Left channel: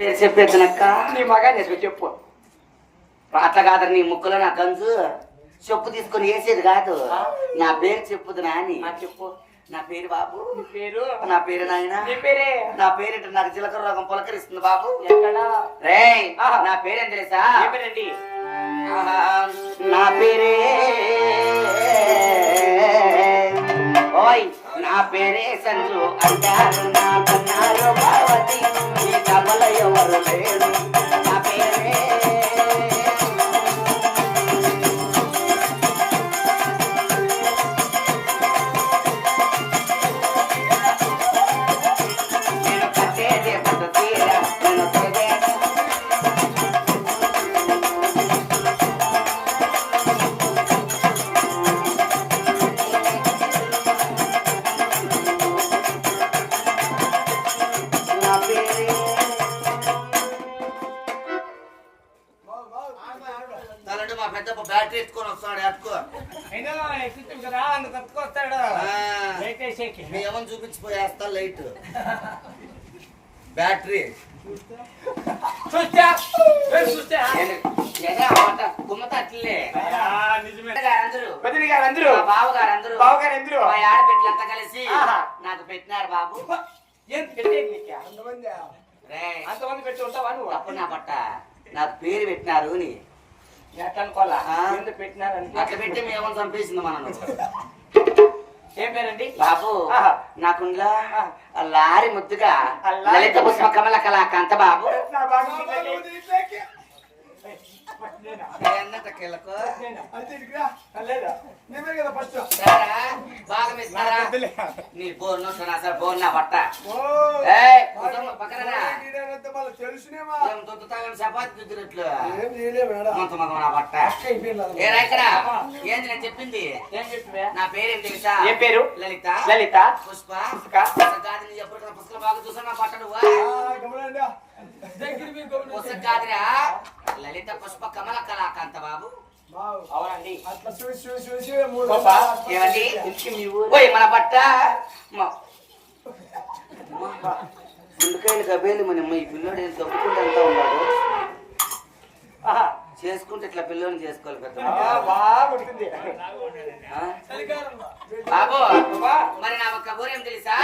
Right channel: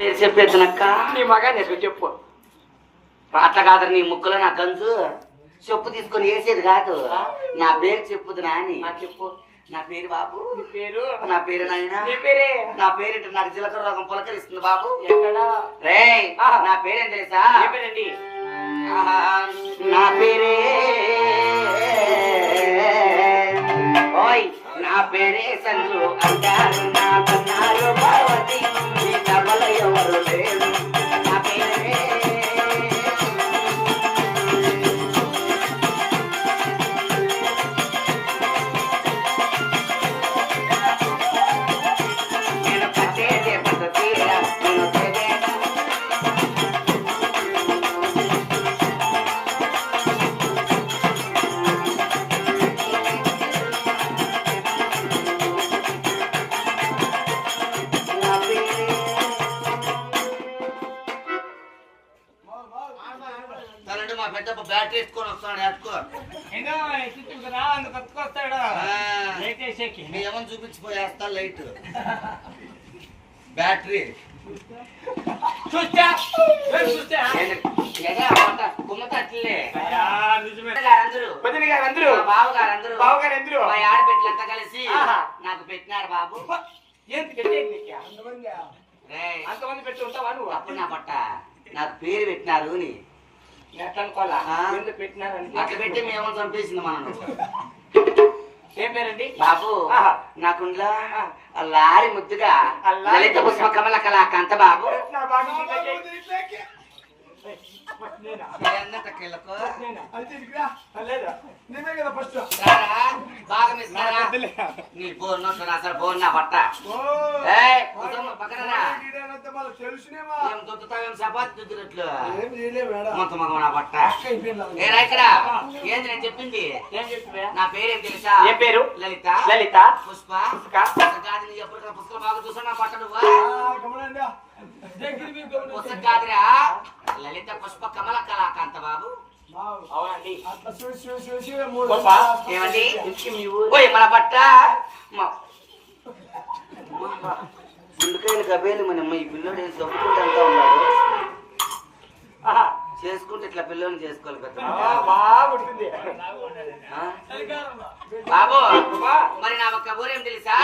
చెప్పేద్దనక్క నీ మగా నేను చెప్పు అట్లా కాదు నీ ముక్కులో నా గంజు చెప్పు తీసుకొని వేసేది కాదు నా పేరు చెప్పుదు నాని చెప్పు నా పేరు బాబు పేరు నా పేరు నాయన పేరే నా పేరు నాకు జీలకర్ర రోగం పులకరిస్తుంది బాబు రే నా పేరేం తెలుసా నా పేరే ఓయ్ నా పేరే సంజు అంటారు నా కన్నారు పార్వతి కమల ఎవరు లేరు నా పేరే మా పెద్ద బ్యాటరీ ఎత్తుకొని వస్తాడు అట్టుకో ఏమని చూపించిపోయేస్తా లైట్ బ్యాటరీ బావగారందరూ ఆడబిడ్డలంతా కలిసి నాకు పెట్టినారు బాబు అంతమంది పెట్టి ఉంటావా నువ్వు అప్పుడు నా పట్ట నాకు పేరు పెట్టినారు అని అట్లా పెట్టి మేము చంపేసింది మనం ఏం పేరండి బాబు నాకుండ్లా లారీ ముద్దుగా లలిత పుష్ప కమల కళాకాంత బాబు నీ బోర్ అసలు బోర్ నా పట్ట పక్కన చపాతి దుద్దినట్లు మొత్తం నా పట్ట ఇక్కడ ఏంది నేను చెప్పింది నా పేరేం తెలుసా ఏ పేరు లలిత లలిత పుష్ప ఎప్పుడు పుస్తకం బాగా చూసా నా పట్ట నువ్వు పుస్తకాదిరా లలిత పుష్ప కమల కళాకాంత బాబు అవునండి మన పట్ట ముందుకాయలు గబేలు మన ఈ పిల్లోడు దొబ్బుకుంటూ అంతా ఉన్నాడు చేసుకుంటే ఇట్లా పిల్లోని చేసుకోవాలి కదా బాబు మరి నా ఒక్క ఊరేం తెలుసా